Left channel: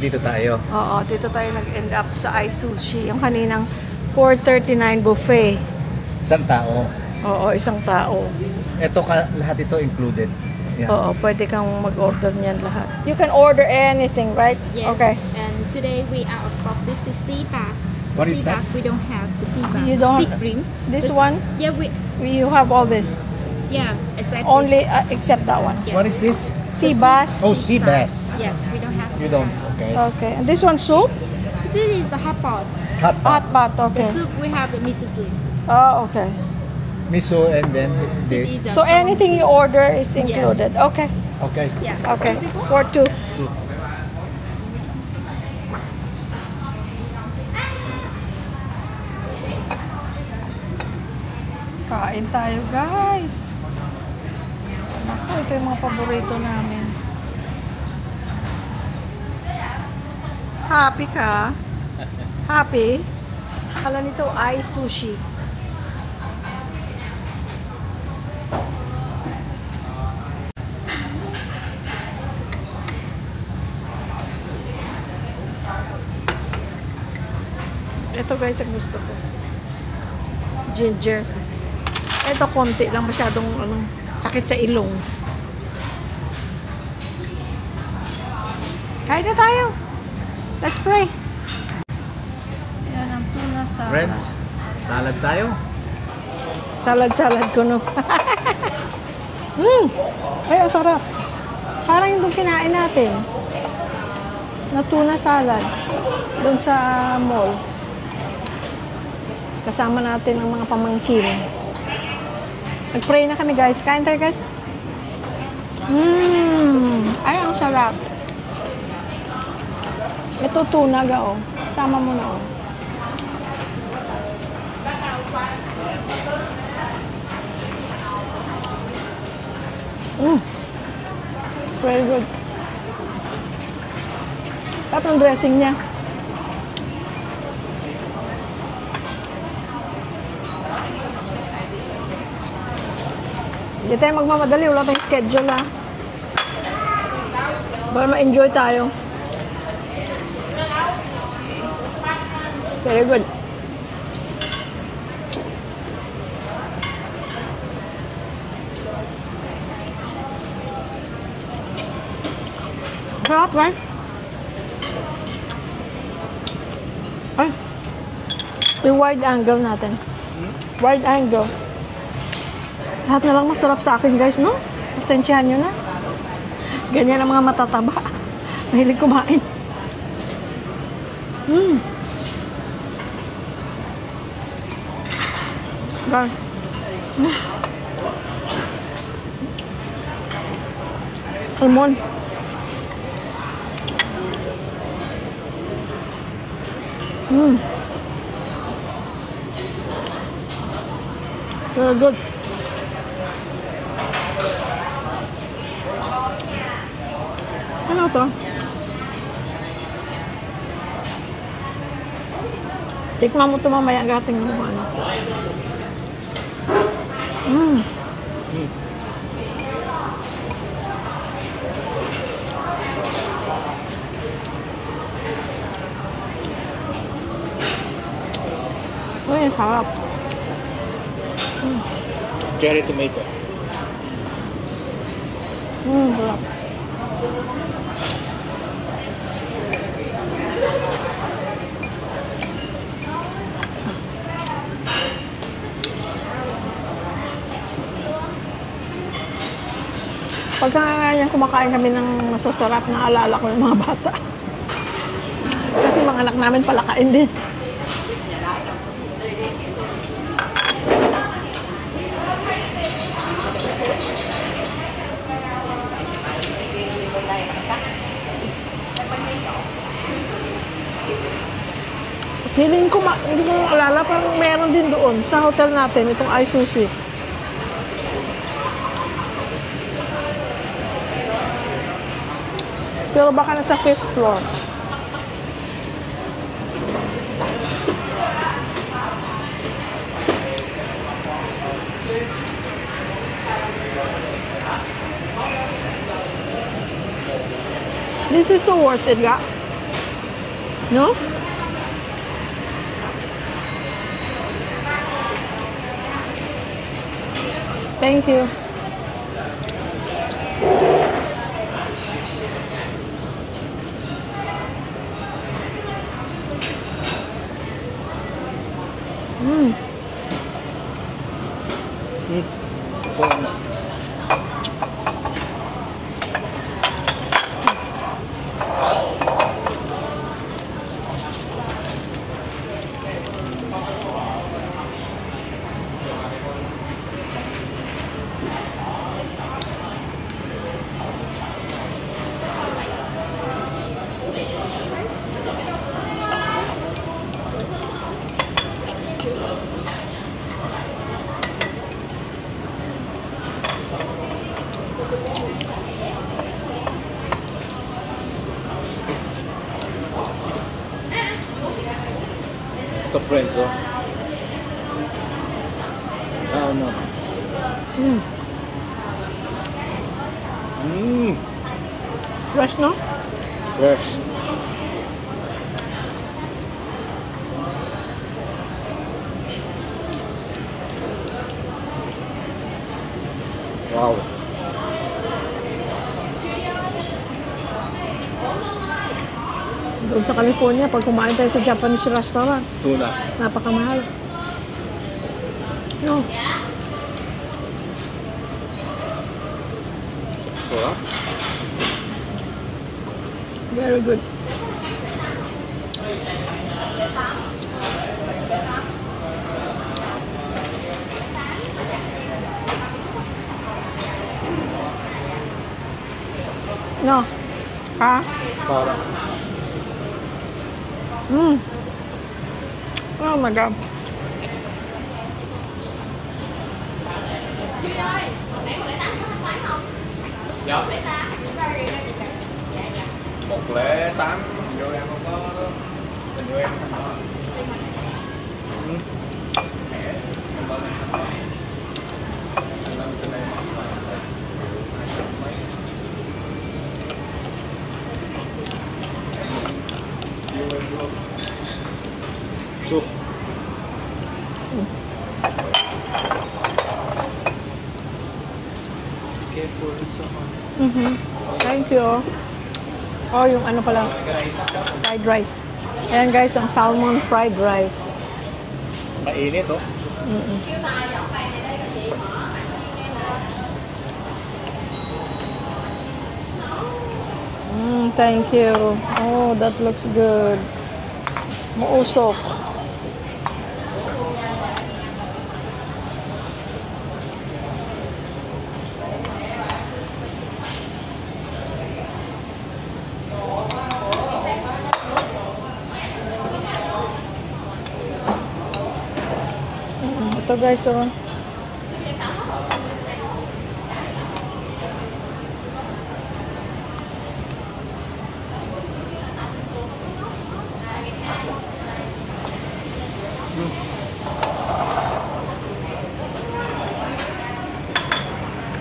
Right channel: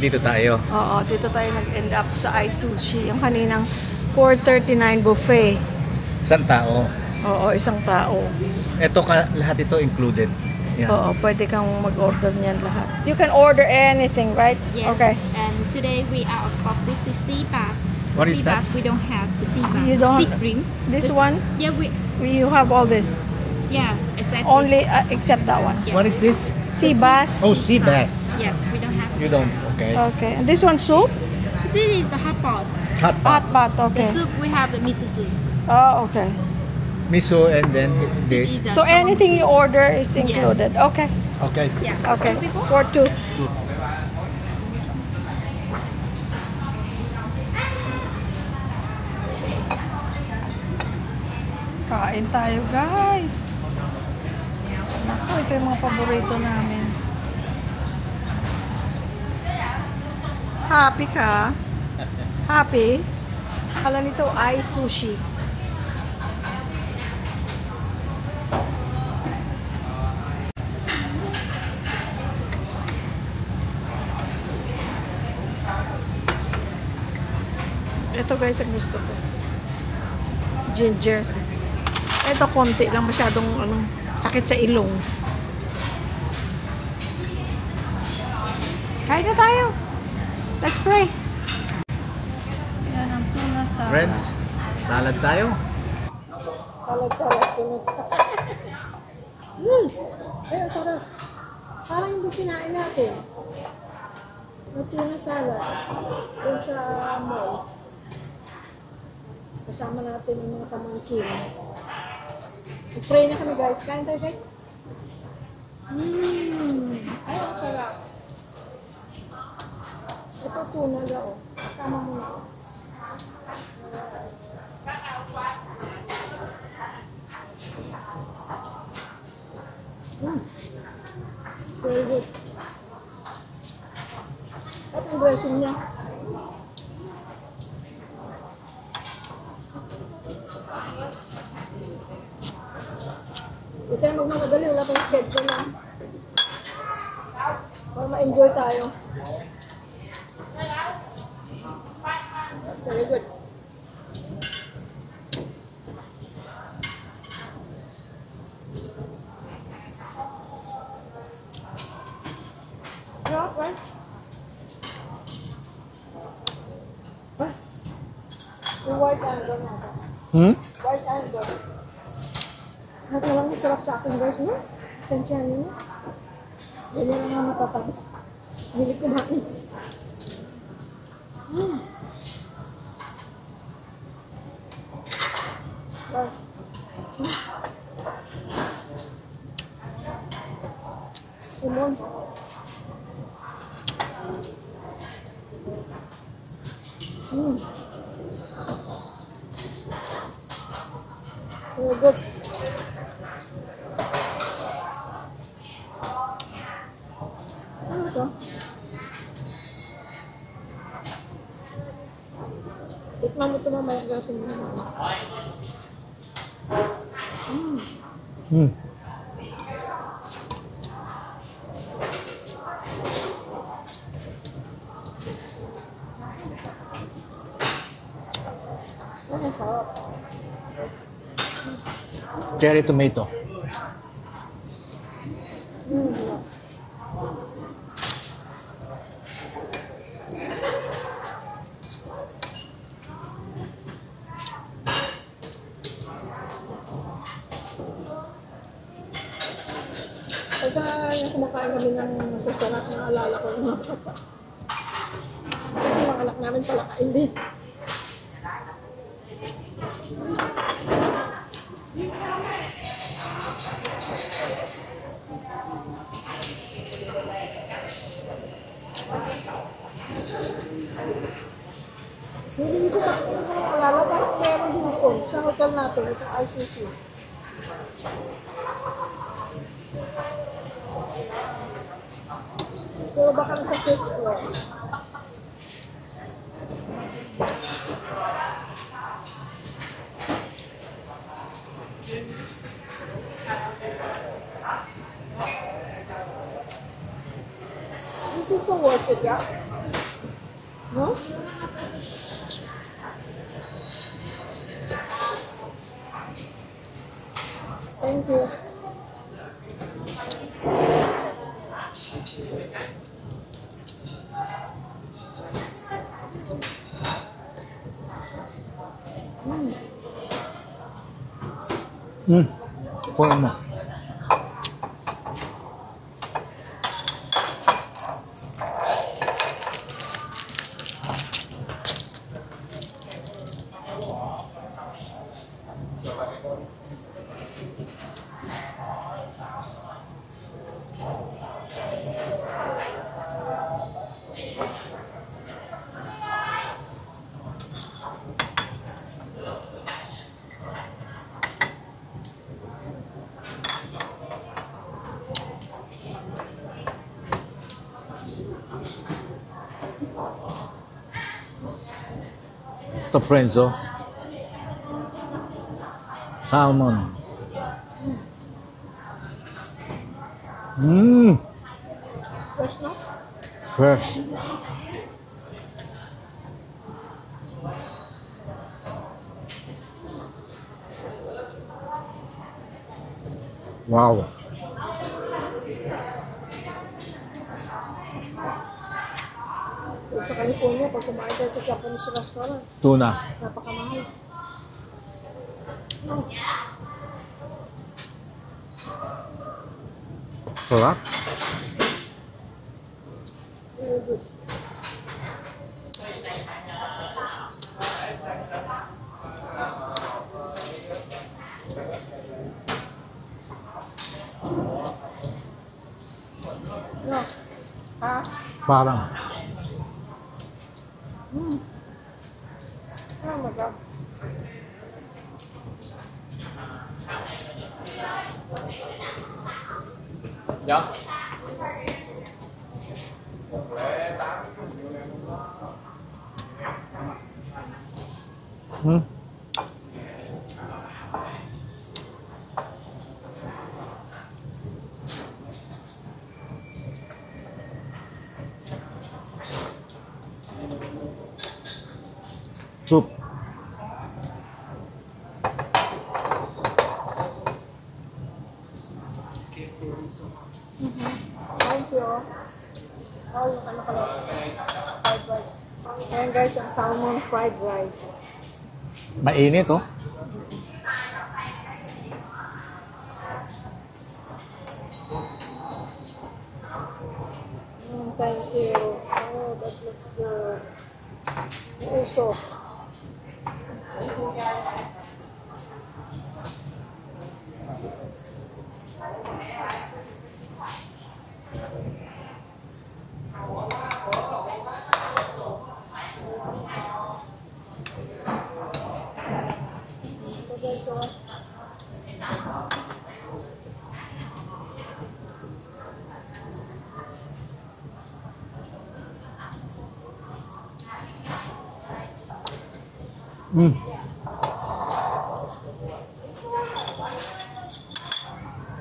Dito tayo. Oo, dito tayo nag-end up sa iSushi. Yung kaninang 439 buffet. Isang tao. Oo, isang tao. Ito lahat ito included. Yeah. Oo, pwede kang mag-order niyan lahat. You can order anything, right? Yes. Okay. And today we are out of stock. This is sea bass. What is that? We don't have the sea bass. You don't. Sea cream. This one? Yeah, You have all this. Yeah, except Only except that one. Yes. What is this? Sea bass. Oh, sea bass. Yes, we don't have. You don't. Okay. Okay. And this one soup? This is the hot pot. Hot pot. Hot pot. Okay. The soup we have the miso soup. Oh, okay. Miso and then this. So anything you order is included. Yes. Okay. Okay. Yeah. Okay. For two. Kain tayo, guys. Naku, ito yung mga paborito namin. Happy ka? Happy? Kala nito iSushi. Ito guys ang gusto ko. Ginger. Ito konti lang, masyadong sakit sa ilong. Kain na tayo. Let's pray. Yan ang tuna salad. Friends, salad tayo. Salad ko no. Ay, ang sarap. Parang yung kinain natin. Na tuna salad. Doon sa mall. Kasama natin ang mga pamangkin. Nag-pray na kami guys. Kain tayo guys. Ay, ang sarap. Ito tuna ga oh. Sama mo na oh. Very good. At ang dressing niya. Hindi tayo magmamadali. Wala tayong schedule ha. Para ma-enjoy tayo. Very good. Sarap, right? Ay. Yung wide angle natin. Wide angle. Lahat na lang masarap sa akin, guys, no? Pasensyahan nyo na. Ganyan ang mga matataba. Mahilig kumain. Guys. Almond. Very good. Ano to? Tikman mo ito mamaya ang ating naman. Ay, harap. Cherry tomato. Harap. Pagka nga kumakain kami ng masasarap, naalala ko yung mga bata. Kasi mga anak namin palakain din. Feeling ko, hindi ko alala, parang meron din doon sa hotel natin, itong iSushi. Pero baka nasa 5th floor. This is so worth it, ga. No? Thank you. Kuha mo. Ito friends, oh. Salmon. Fresh, no? Fresh. Wow. Doon sa California, pag kumain tayo sa Japanese restaurant, Tuna. napakamahal. No. Sarap. Very good. No. Ha? Parang. Oh my God. Dạ. 108 vô em không có vô em không có. Soup. Thank you. Oh, yung ano pala, fried rice. Ayan guys, ang salmon fried rice. Mainit, oh. Thank you. Oh, that looks good. Mausok. Ito guys, oh.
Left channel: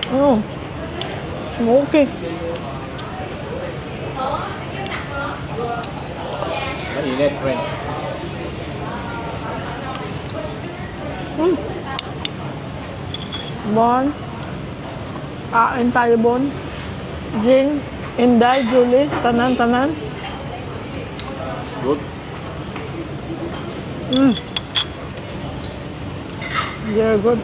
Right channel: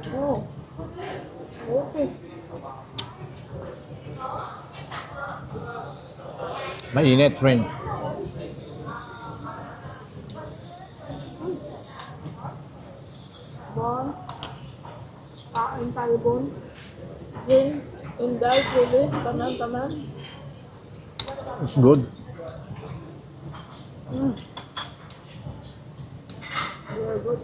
Oh, smoky. Mainit, friend. Bon. Kain tayo, Bon. Jing, Inday, Julie, tanan. It's good. Very good.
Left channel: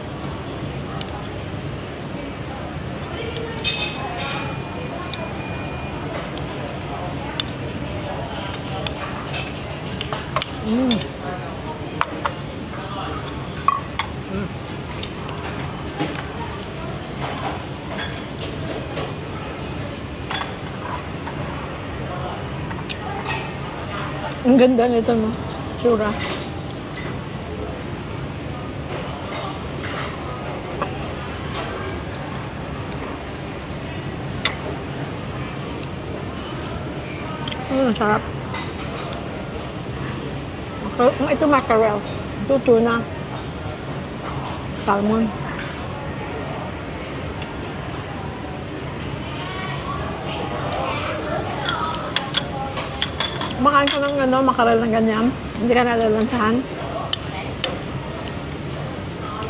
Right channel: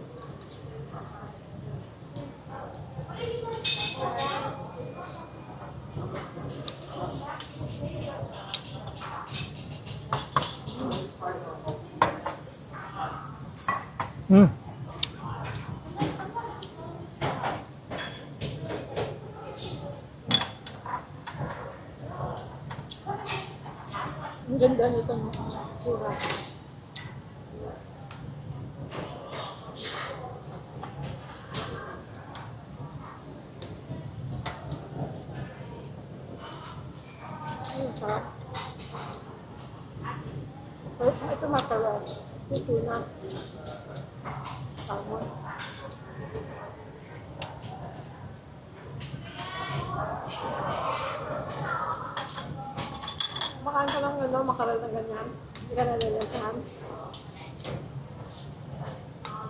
Ang ganda nito, no? Tsura. Sarap. Ito mackerel. Ito tuna. Salmon. Kumakain ko ng ano, makarel na ganyan. Hindi ka nalalansahan.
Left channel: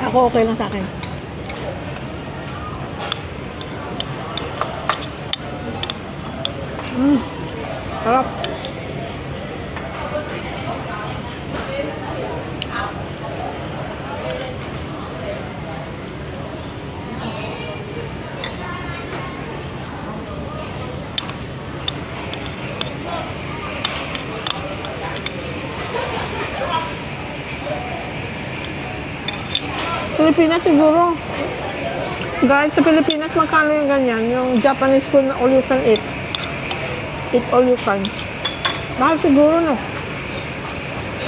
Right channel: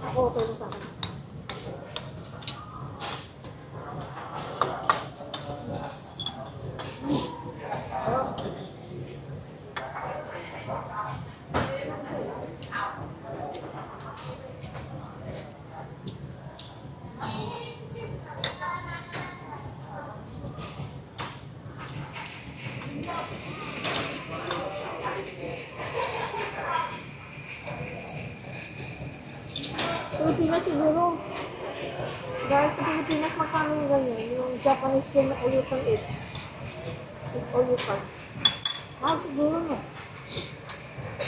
Ako okay lang sa akin. Sarap. Pilipinas siguro. Guys, sa Pilipinas, magkano yung ganyan? Yung Japanese food na all you can eat. Eat all you can. Mahal siguro, no?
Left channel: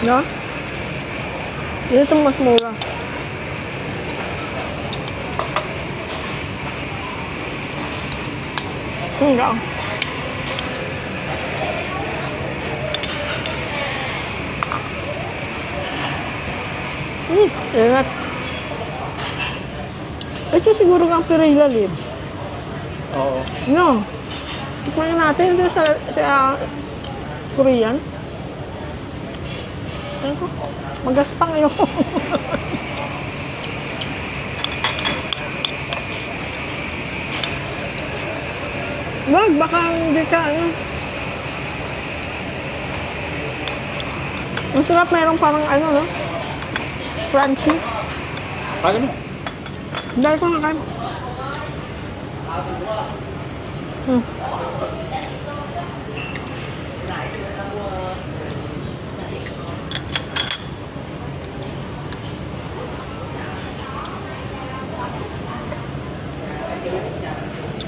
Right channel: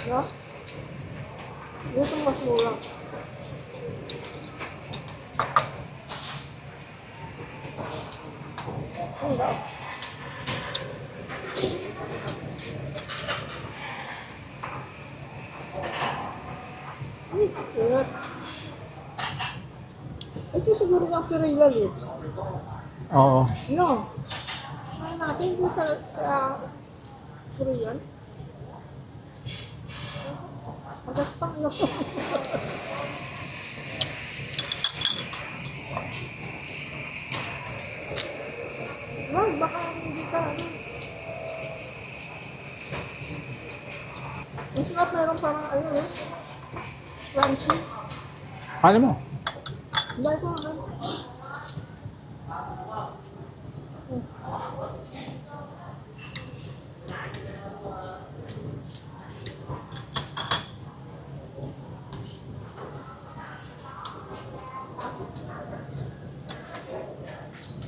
No? Dito itong mas mura. Hindi. Ingat. Ito siguro nga Perilla leaves. Oo. No. Tikman natin dito sa Korean. Ano ko? Magaspang yun. Wag, baka hindi ka ano. Masarap, mayroong parang ano, no? Crunchy. Kala mo? Dahil ko na kayo.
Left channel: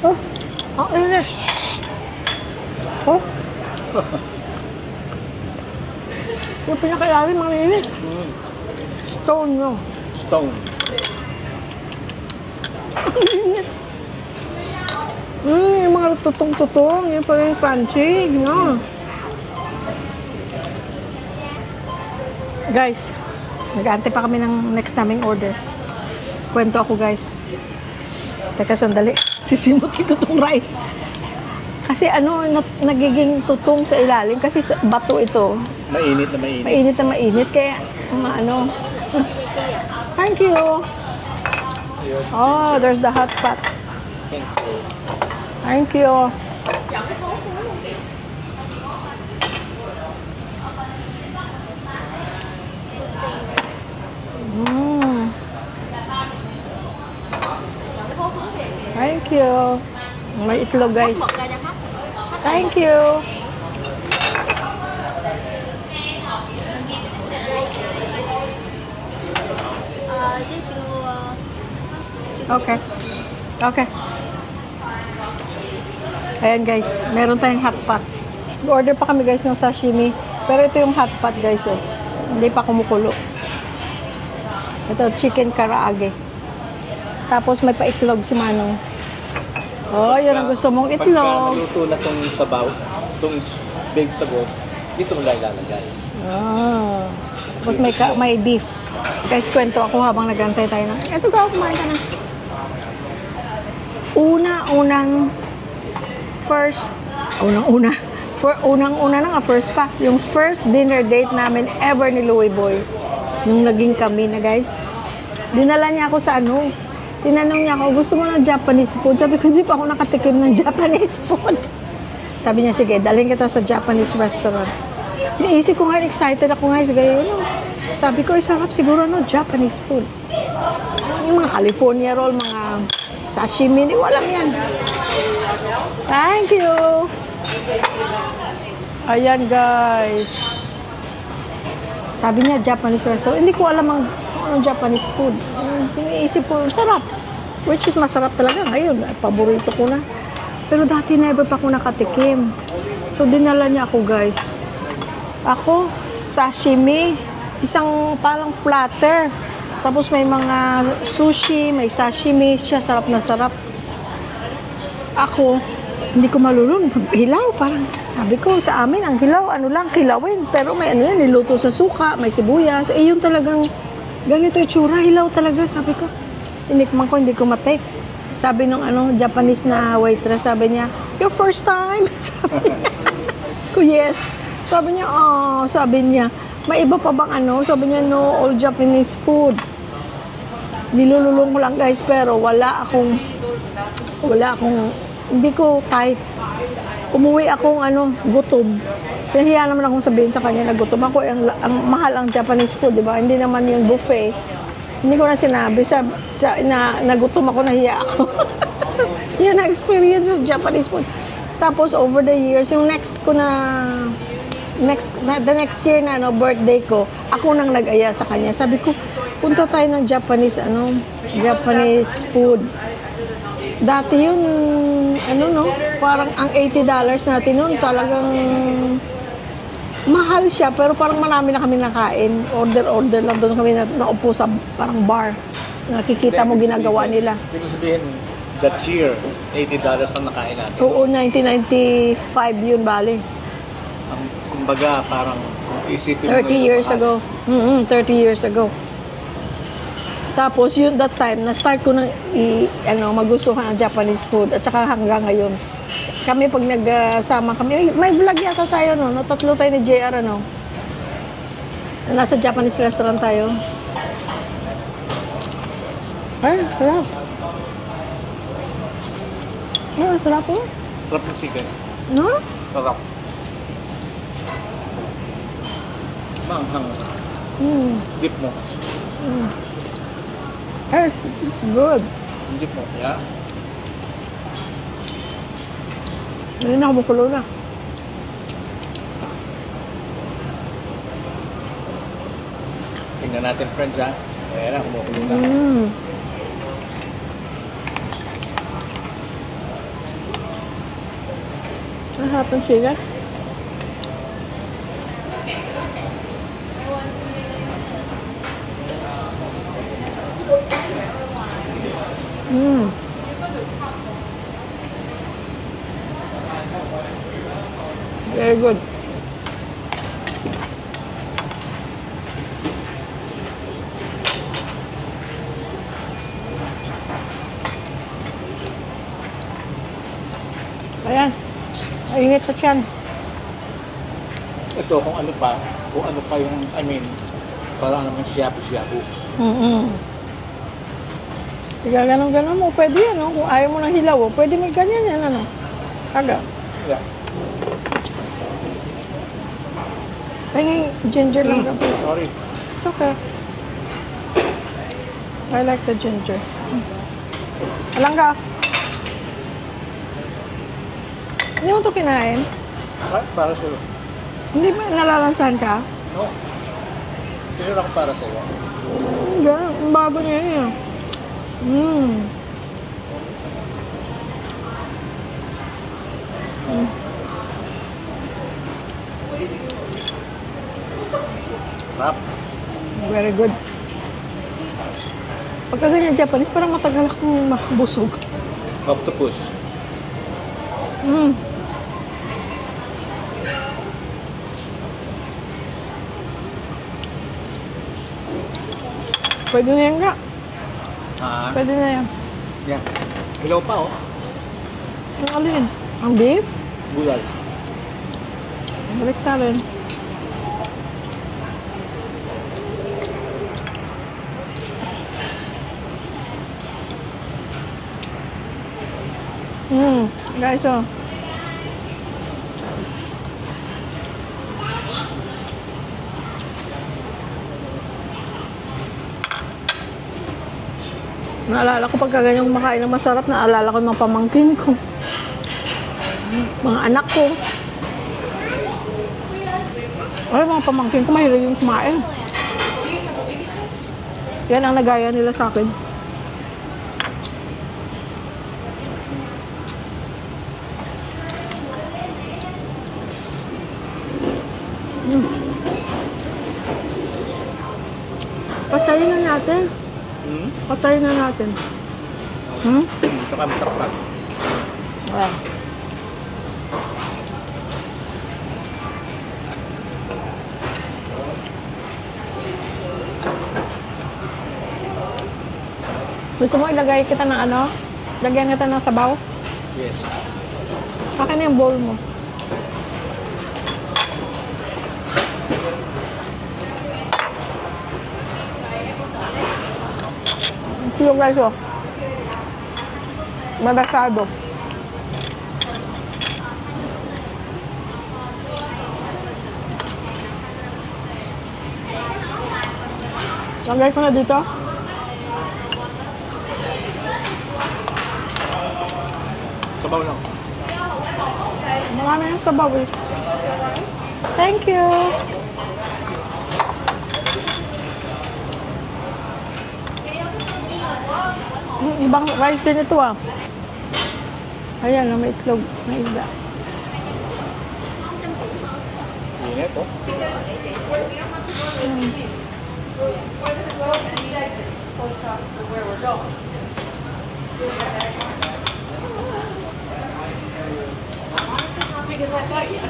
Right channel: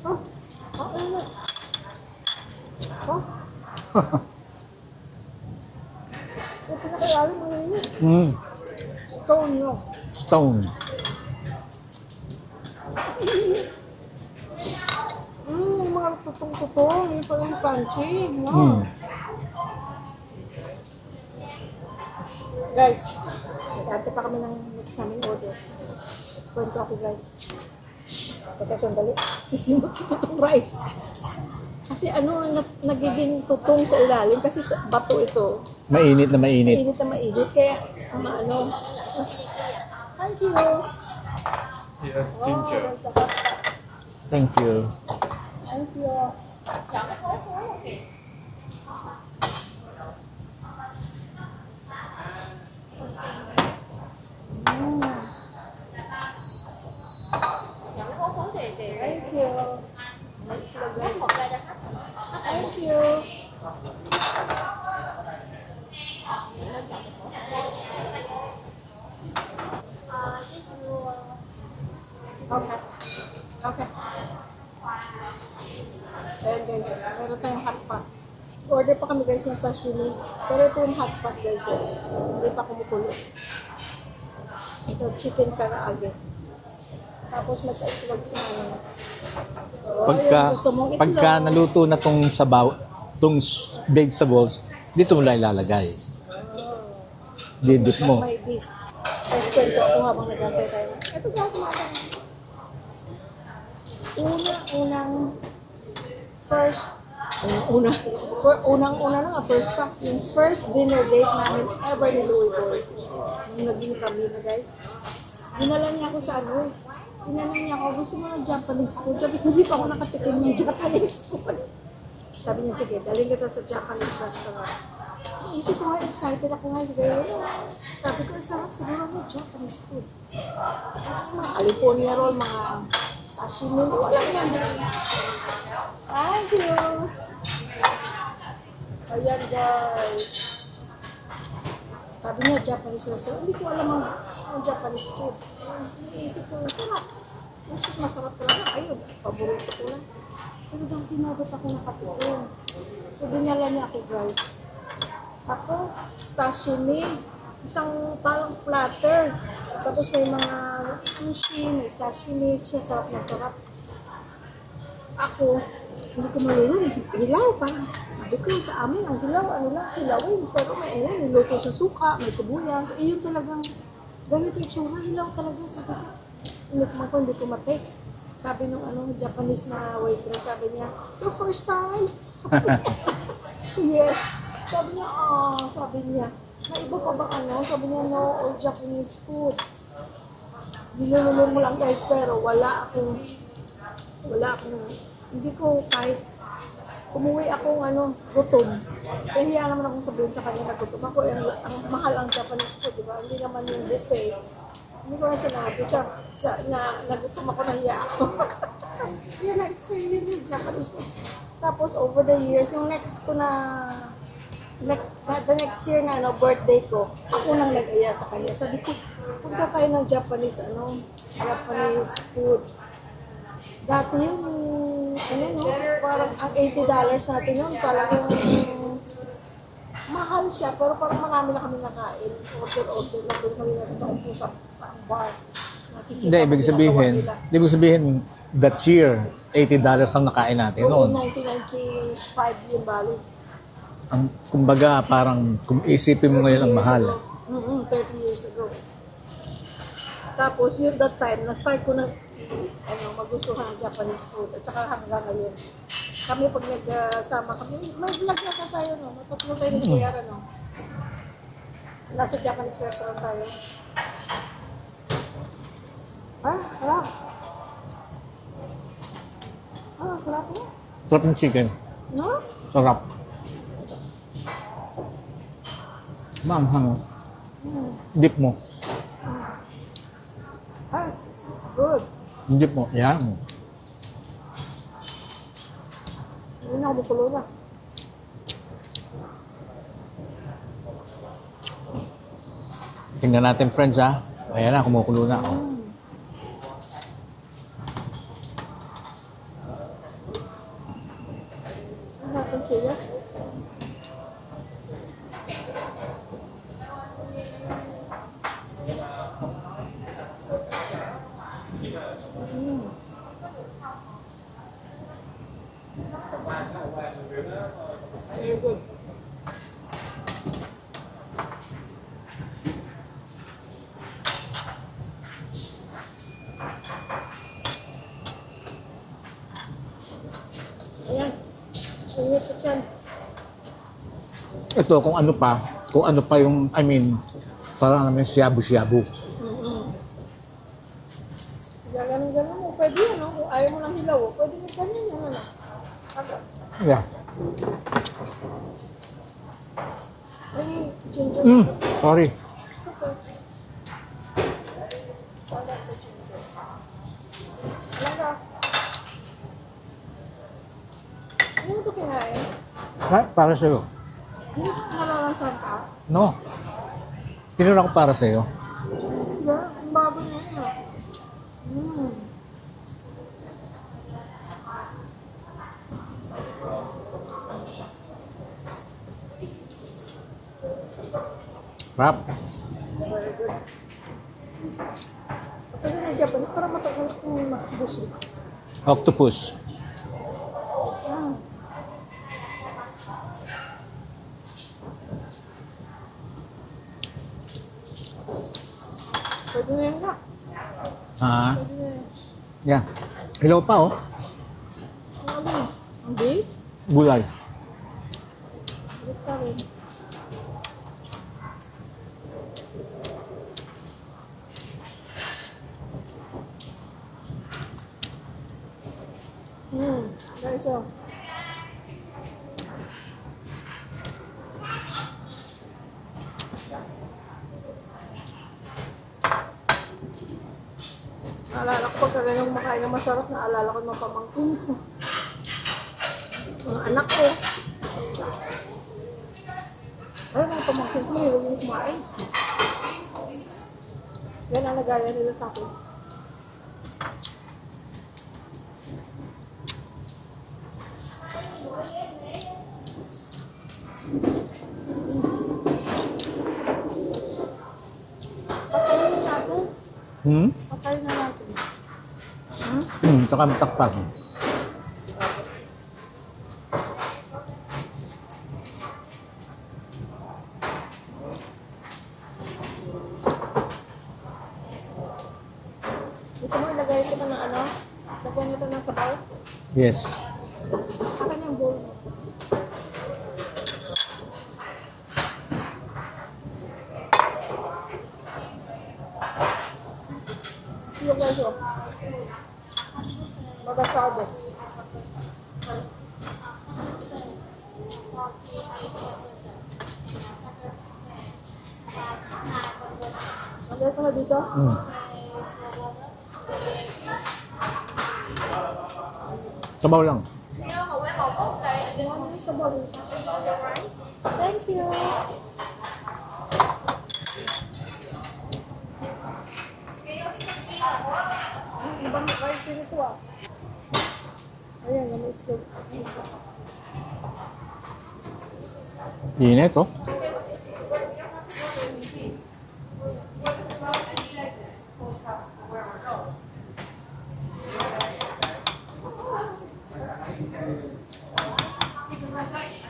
Oh, ang init. Oh. Yung pinakalalim, ang init. Stone, no? Stone. Yung mga tutong-tutong, yung pala yung crunchy, no? Guys, nag-aantay pa kami ng next naming order. Kwento ako, guys. Teka, sandali. Sisimutin ko tong rice. Kasi ano, nagiging tutong sa ilalim. Kasi sa bato ito. Mainit na mainit. Mainit na mainit. Kaya, ano. Thank you. Oh, there's the hot pot. Thank you. Thank you. Thank you. May itlog, guys. Thank you. Okay. Okay. Ayan, guys. Meron tayong hot pot. Order pa kami, guys, ng sashimi. Pero ito yung hot pot, guys. Oh. Hindi pa kumukulo. Ito, chicken karaage. Tapos may pa-itlog si Manong. Oh, yun ang gusto mong itlog. Pagka naluto na tong sabaw, tong vegetables, dito mo lang ilalagay. Ah. Tapos Dibdib mo. may beef. Guys, kwento ako habang nag-antay tayo na. Eto ka, kumain ka na. Unang-una lang, first pa. Yung first dinner date namin ever ni Louie Boy. Nung naging kami na, guys. Dinala niya ako sa ano. Tinanong niya ako, gusto mo ng Japanese food? Sabi ko, hindi pa ako nakatikim ng Japanese food. Sabi niya, sige, dalhin kita sa Japanese restaurant. Naisip ko nga, excited ako nga, sige, ano. Sabi ko, sarap siguro, no, Japanese food. Yung mga California roll, mga sashimi, hindi ko alam yan. Thank you! Ayan, guys. Sabi niya, Japanese restaurant. Hindi ko alam ang Japanese food. Iniisip ko, sarap. Which is masarap talaga. Ngayon, paborito ko na. Pero dati never pa ako nakatikim. So, dinala niya ako, guys. Ako, sashimi. Isang parang platter. Tapos may mga sushi, may sashimi. Siya, sarap na sarap. Ako, hindi ko malulun. Hilaw, parang sabi ko sa amin, ang hilaw, ano lang, kilawin. Pero may ano yan, niluto sa suka, may sibuyas. Eh, yun talagang ganito yung tsura, hilaw talaga. Sabi ko, tinikman ko, hindi ko matake. Sabi nung ano, Japanese na waitress, sabi niya, your first time? Sabi niya. Ko, yes. Sabi niya, may iba pa bang ano? Sabi niya, no, all Japanese food. Nilululong ko lang guys, pero wala akong, hindi ko kahit, umuwi akong gutom. Nahiya naman akong sabihin sa kanya na gutom ako. Ang mahal ang Japanese food, di ba? Hindi naman yung buffet. Hindi ko na sinabi. Nagutom ako, nahiya ako. Yan ang experience sa Japanese food. Tapos over the years, yung the next year na birthday ko, ako nang nag-aya sa kanya. Sabi ko, punta tayo ng Japanese food. Dati yun, parang ang $80 natin yun, talagang mahal siya, pero parang marami na kami nakain. Order lang doon kami naupo sa parang bar. Nakikita mo ginagawa nila. Hindi mo sabihin, that year, $80 ang nakain natin Oo, noon. 1995 yun, bali. Kumbaga, parang kung isipin 30 mo ngayon ang years mahal. ago. 30 years ago. Tapos yun, that time, na-start ko na magustuhan ang Japanese food. At saka hanggang ngayon. Kami pag nagsama kami, may vlog yata tayo, no? Tatlo tayo ni JR, nasa Japanese restaurant tayo. Ay, sarap. Ay, sarap po. Sarap ng chicken. No? Sarap. Maanghang. Dip mo. Ay, good. Dip mo. Yan. Hindi na kumukulo na. Tingnan natin, friends, ha. Ayan na, kumukulo na. Masarap ang chicken. Very good. Ayan. Mainit sa tiyan. Ito, kung ano pa yung, parang naman shabu-shabu. Kaya ganun-ganun mo, pwede yan, no? Kung ayaw mo ng hilaw, pwede may ganyan yan, Aga. Yeah. Ay, ginger lang. Sorry. It's okay. I like the ginger. Alang ka. Hindi mo ito kinain? What? Para sa'yo. Hindi ba nalalansan ka? No. Tinura ko para sa'yo. Ganun. Ang bago niya yun. Rap. Very good. Pagka ganyan Japanese, parang matagal akong busog. Octopus. Pwede na yan nga. Ha? Pwede na yan. Yeah. Hilaw pa, oh. Ang alin? Ang beef? Gulay. Balik na rin. Guys, oh. Naalala ko pagka ganyang kumakain ng masarap, naalala ko yung mga pamangkin ko. Mga anak ko. Ay, mga pamangkin ko, mahilig yung kumain. Yan ang nagaya nila sa akin. Patayin na natin. Patayin na natin. Tsaka matakpan. Wow. Gusto mo ilagay kita ng ano? Lagyan kita ng sabaw? Yes. Akin na yung bowl mo. tuyo guys, oh. Malasado. Lagay ko na dito. Sabaw lang. Marami yung sabaw eh. Thank you. Ibang rice din ito ah. Ayan, may itlog, may isda. Init, oh.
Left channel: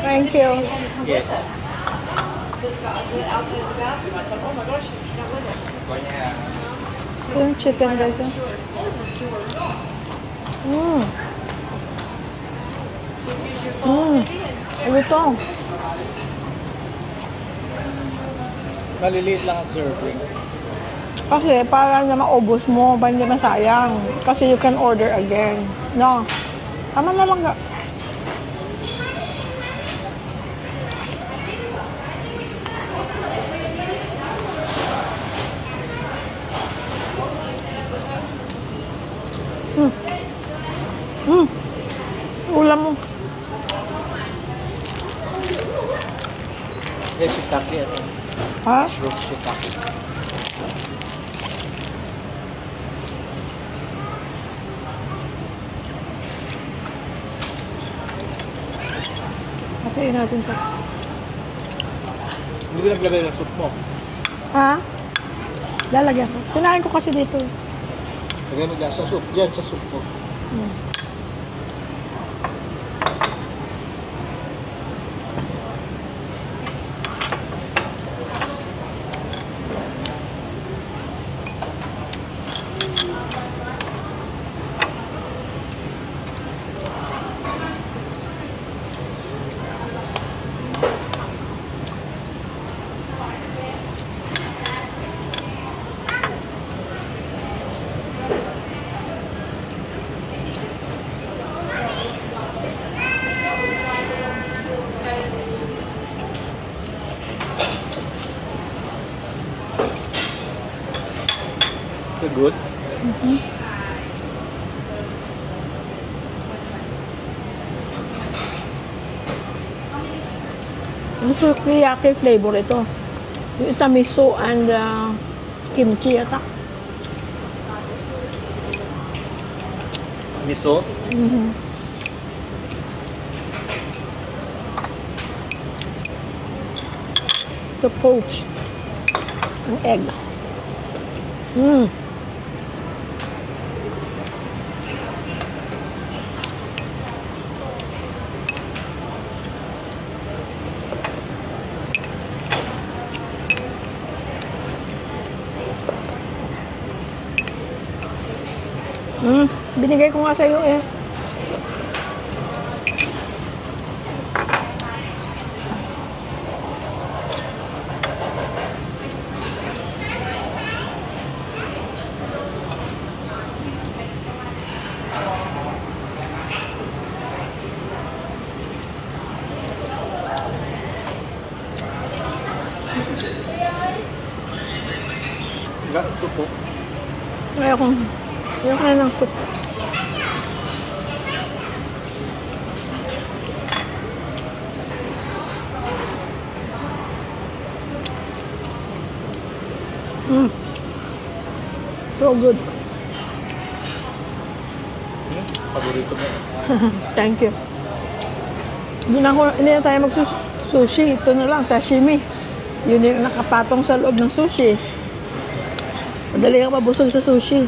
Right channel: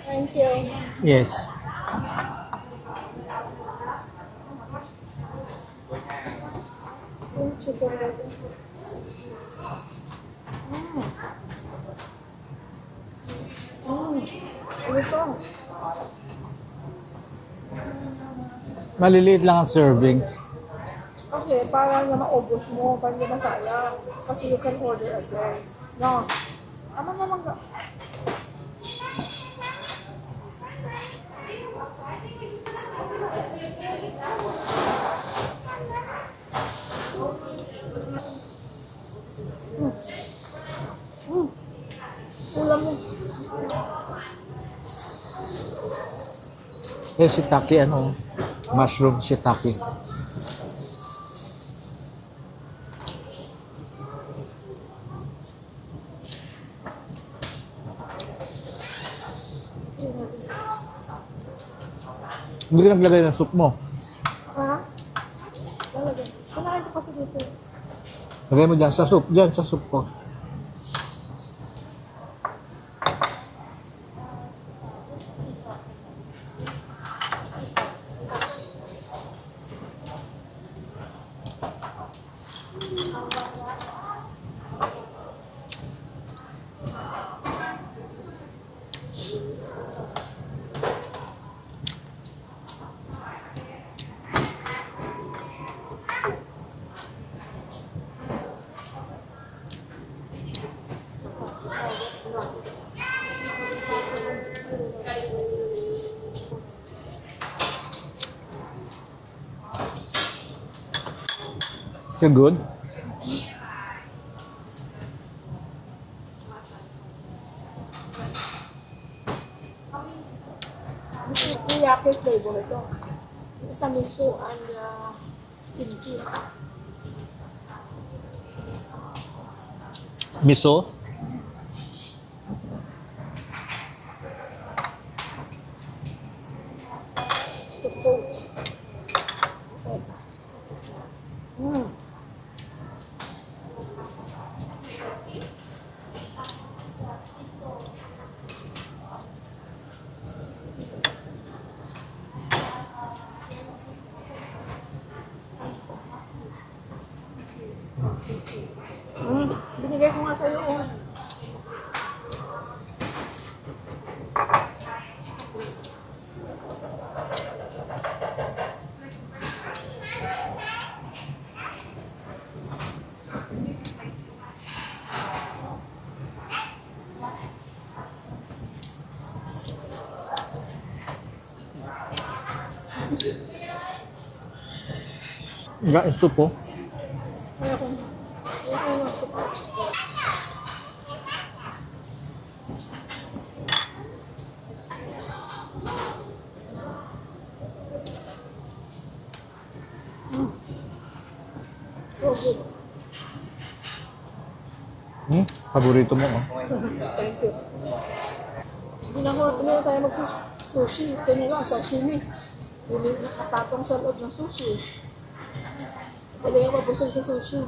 Thank you. Yes. Ito yung chicken guys. Ano ito? Maliliit lang ang serving. Kasi para na maubos mo, ba hindi masayang. Kasi you can order again. No? Tama na lang. Ulam mo. Shiitake, ano? Ha? Mushroom shiitake. Hatiin natin ito. Hindi ka naglagay ng soup mo. Ha? Lalagyan ko. Sinain ko kasi dito. Lagay mo dyan sa soup. Dyan sa soup ko. You're good? Ang sukiyaki flavor ito. Yung isa miso and kimchi yata. Miso? Ito poached. Ang egg. Binigay ko nga sa'yo eh. Nga, soup po. Ayoko na ng soup. So good. Paborito mo, oh. Thank you. Hindi na tayo mag-sushi. Ito na lang, sashimi. Yun yung nakapatong sa loob ng sushi. Madali ang mabusog sa sushi.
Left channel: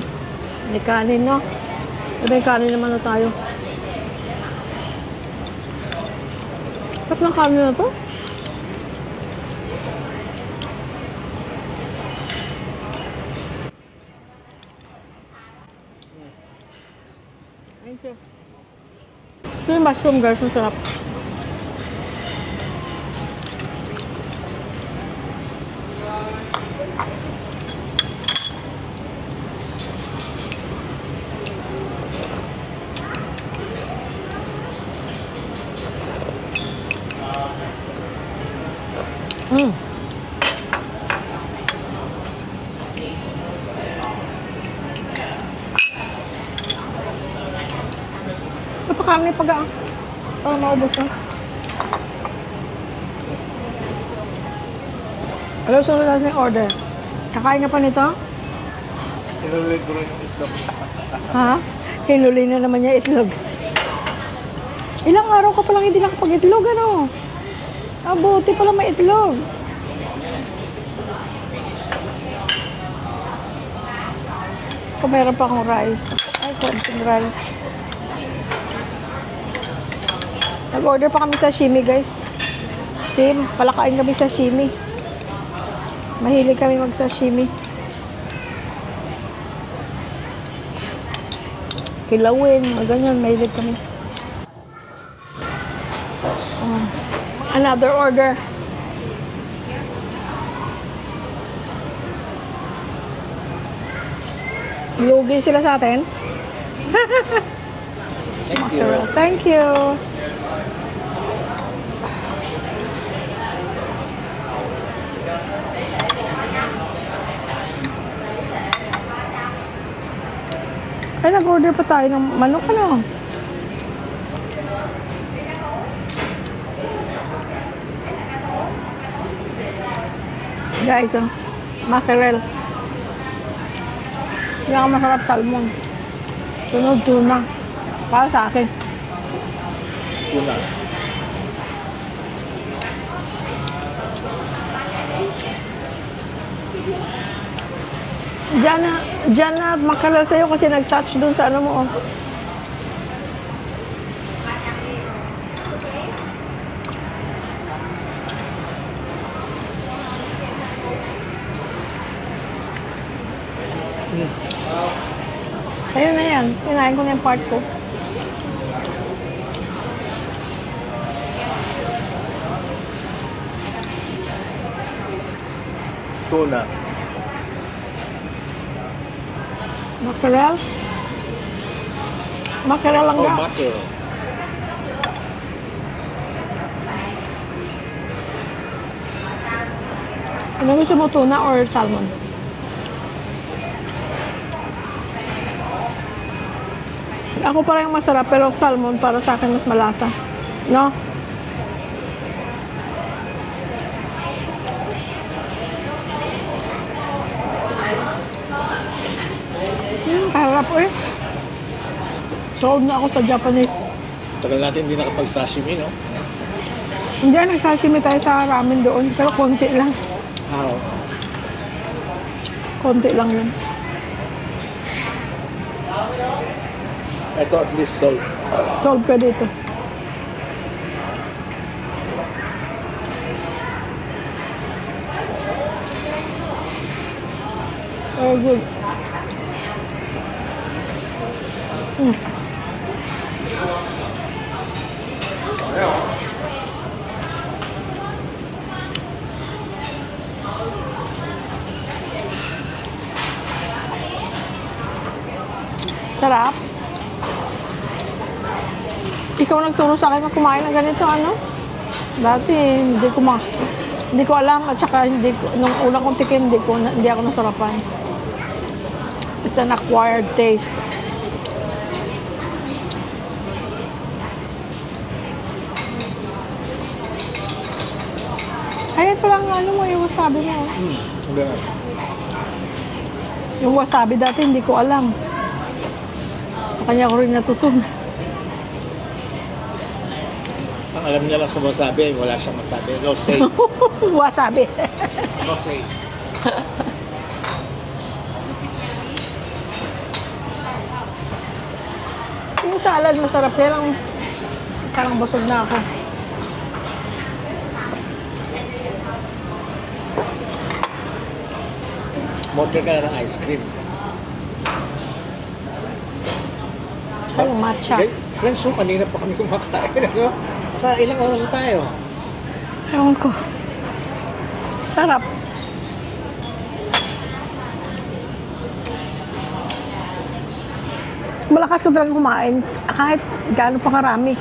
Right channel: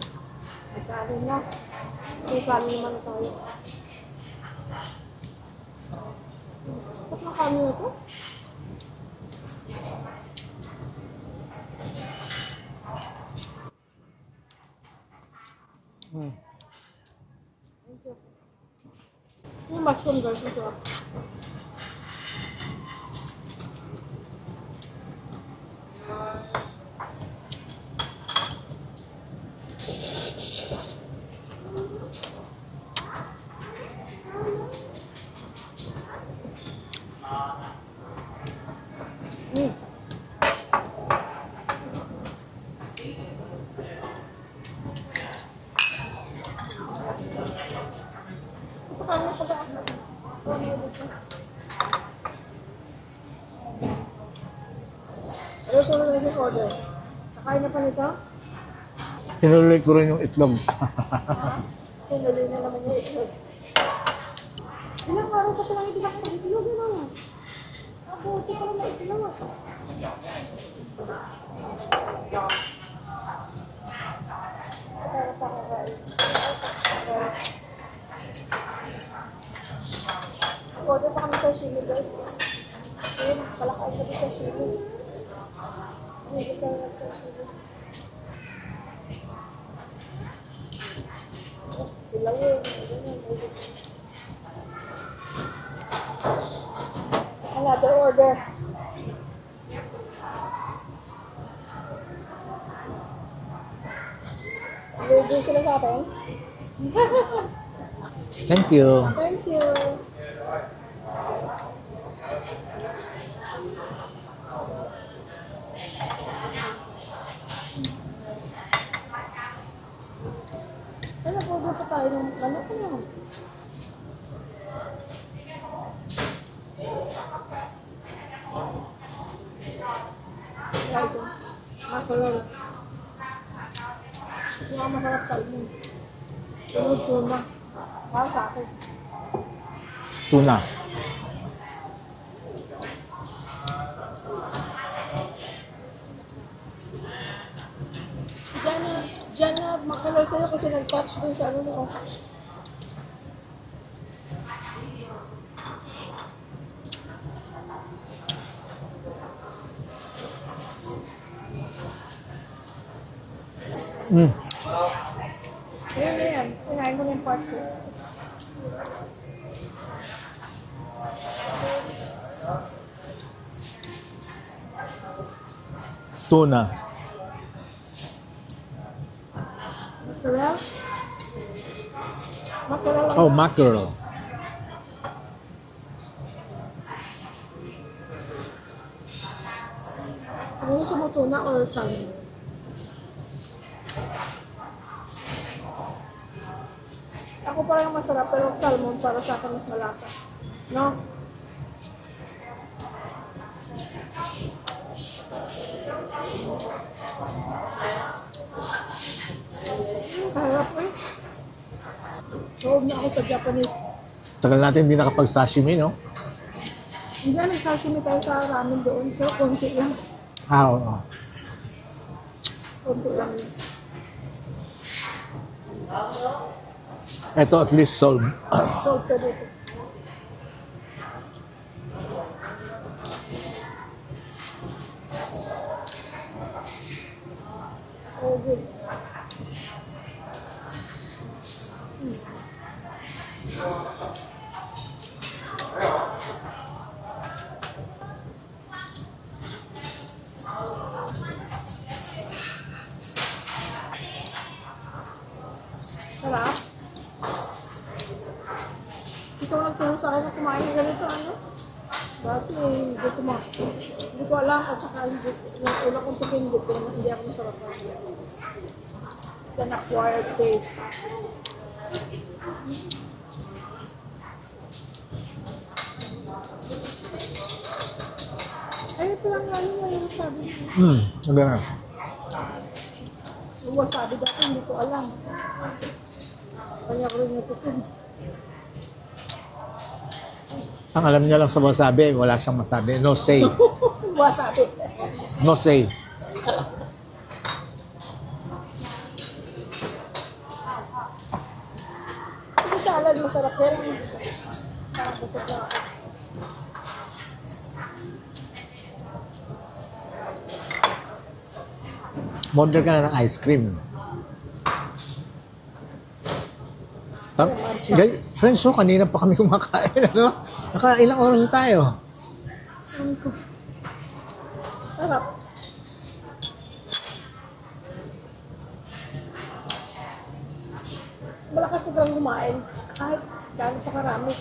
May kanin, no? May kanin naman na tayo. Sarap ng kanin na to. Thank you. Ito yung mushroom guys, masarap. Mm. Napakain na pag-aan. Para maubos na. Ano sunod natin yung order? Kakain ka pa nito? Hinuloy ko rin yung itlog. Ha? Hinuli na naman niya itlog. Ilang araw ka palang hindi nakapag-itlog, ano? Ah, buti pala may itlog. Kung meron pa akong rice. Ang rice. Nag-order pa kami sa sashimi, guys. Same, palakain kami sa sashimi. Mahilig kami mag-sashimi. Kilawin, ganyan, mahilig kami. Another order. Lugi sila sa atin. Thank you. Thank you. Ay, nag-order pa tayo ng manok, ano? Guys, mackerel. Yung masarap salmon. Sunod tuna. Para sa akin. Tuna. Diyan na mackerel sa'yo kasi nag-touch dun sa ano mo. Oh. Ayun na yan. Kinain ko na yung part ko. Tuna. Mackerel? Mackerel lang Oh, yan. mackerel. Ano gusto mo, tuna or salmon? Ako parang masarap, pero salmon para sa akin mas malasa. No? Harap eh. Sold na ako sa Japanese. Tagal natin hindi nakapag-sashimi, no? Hindi, nagsashimi tayo sa ramen doon, pero konti lang. How? Konti lang yun. Ito at least sold. Sold ka dito. Oh, good. Sarap. Ikaw nagturo sa akin na kumain ng ganito, ano? Dati, hindi ko alam at saka nung una kong tikim, hindi ako nasarapan. It's an acquired taste. Ayun pa lang ano mo, yung wasabi mo. Ganun. Yung wasabi dati, hindi ko alam. Sa kanya ko rin natutunan. Ang alam niya lang sa wasabi, wala siyang masabi. No say. Wasabi. No say. Yung salad masarap, pero parang busog na ako. Order ka na ng ice cream. Anong matcha? Friends, so kanina pa kami kumakain, ano? Ilang oras na tayo? Ewan ko. Sarap. Malakas ka talaga kumain. Kahit gaano pa karami,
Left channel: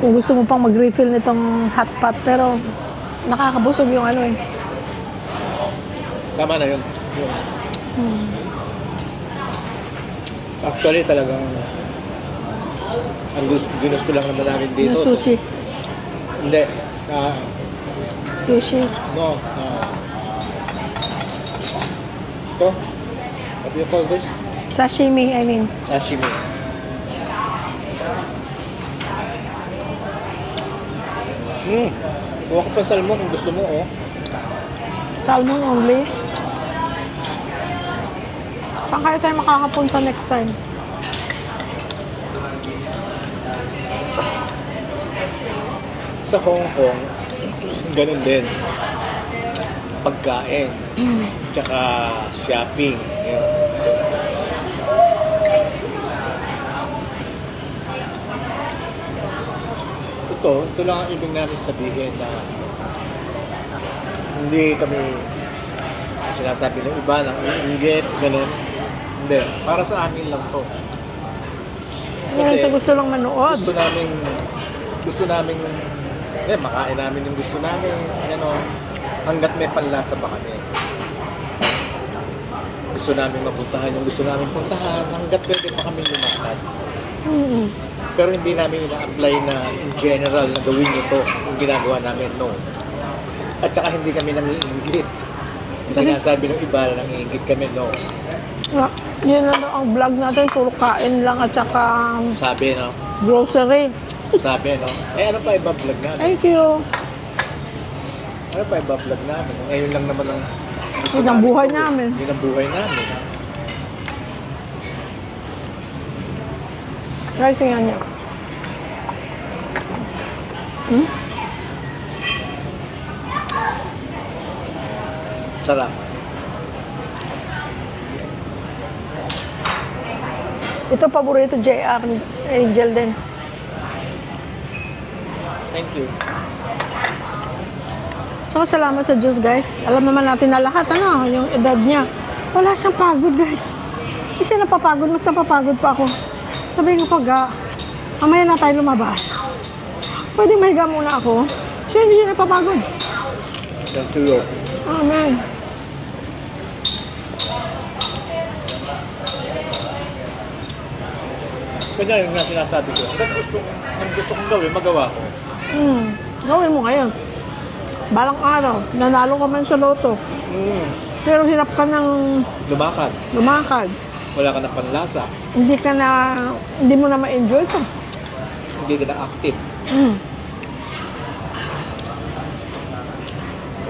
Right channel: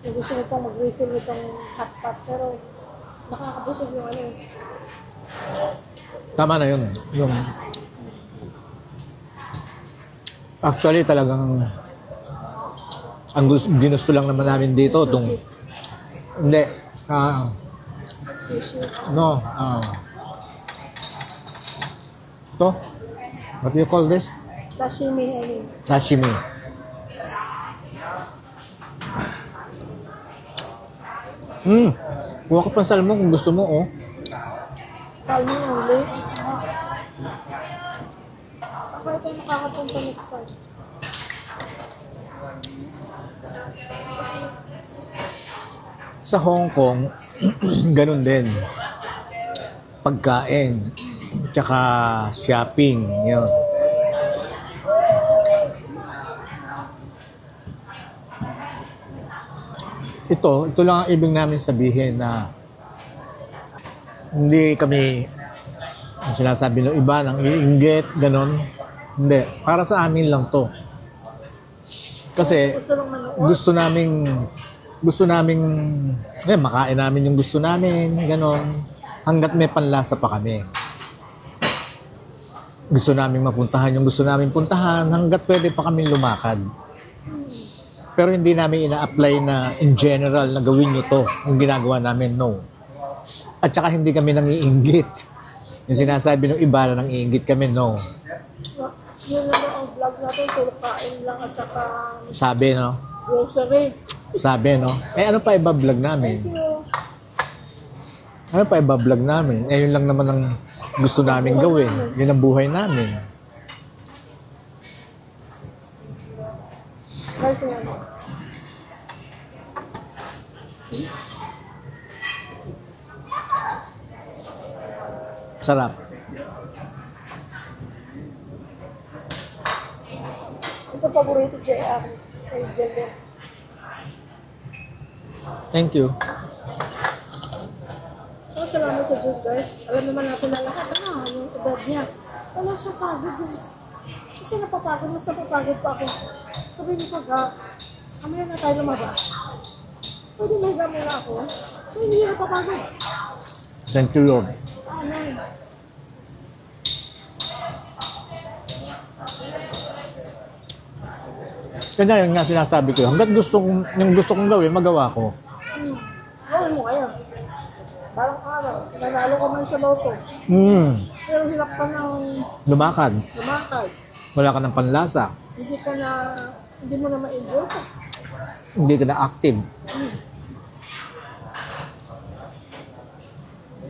kung gusto mo pang mag-refill nitong hot pot, pero nakakabusog yung ano eh. Tama na yun. Yung, Hmm. actually, talagang ang ginusto lang naman namin dito. Yung sushi. Hindi. Sushi. No. Ito. What do you call this? Sashimi, I mean. Sashimi. Kuha ka pa salmon kung gusto mo, oh. Salmon only. Saan kaya tayo makakapunta next time? Sa Hong Kong, ganun din. Pagkain. Tsaka shopping. Yun. Ito lang ang ibig namin sabihin na hindi kami ang sinasabi ng iba nang iinggit, ganun. Hindi. Para sa amin lang to. Kasi gusto lang manood. gusto naming makain namin yung gusto namin, ganon. Hanggat may panlasa pa kami. Gusto namin mapuntahan yung gusto namin puntahan, hanggat pwede pa kami lumakad. Mm-hmm. Pero hindi namin ina-apply na in general na gawin nyo to, yung ginagawa namin, no. At saka hindi kami nangiinggit. Yung sinasabi ng iba na nangiinggit kami, no. Yun na ang vlog natin, puro kain lang at saka Sabi, no. grocery. Sabi, no. Ano pa iba-vlog namin? Thank you. Ano pa iba-vlog namin? Yun lang naman ang gusto Yun ang namin buhay gawin. namin. Yun ang buhay namin. Guys, nga niya. Sarap. Ito paborito JR Angel din. Thank you. So, salamat sa Diyos, guys. Alam naman natin na lahat, yung edad niya. Wala siyang pagod, guys. Kasi napapagod, mas napapagod pa ako. Sabi ko pag, mamaya na tayo lumabas. Pwede mahiga muna ako. Siya hindi siya napapagod. Thank you, Lord. Amen. Kaya yung nga sinasabi ko, hanggang yung gusto kong gawin, magawa ko. Gawin mo ngayon. Balang araw, nanalo ka man sa loto. Pero hirap ka ng Lumakad. lumakad. Wala ka ng panlasa. Hindi mo na ma-enjoy ito. Hindi ka na active.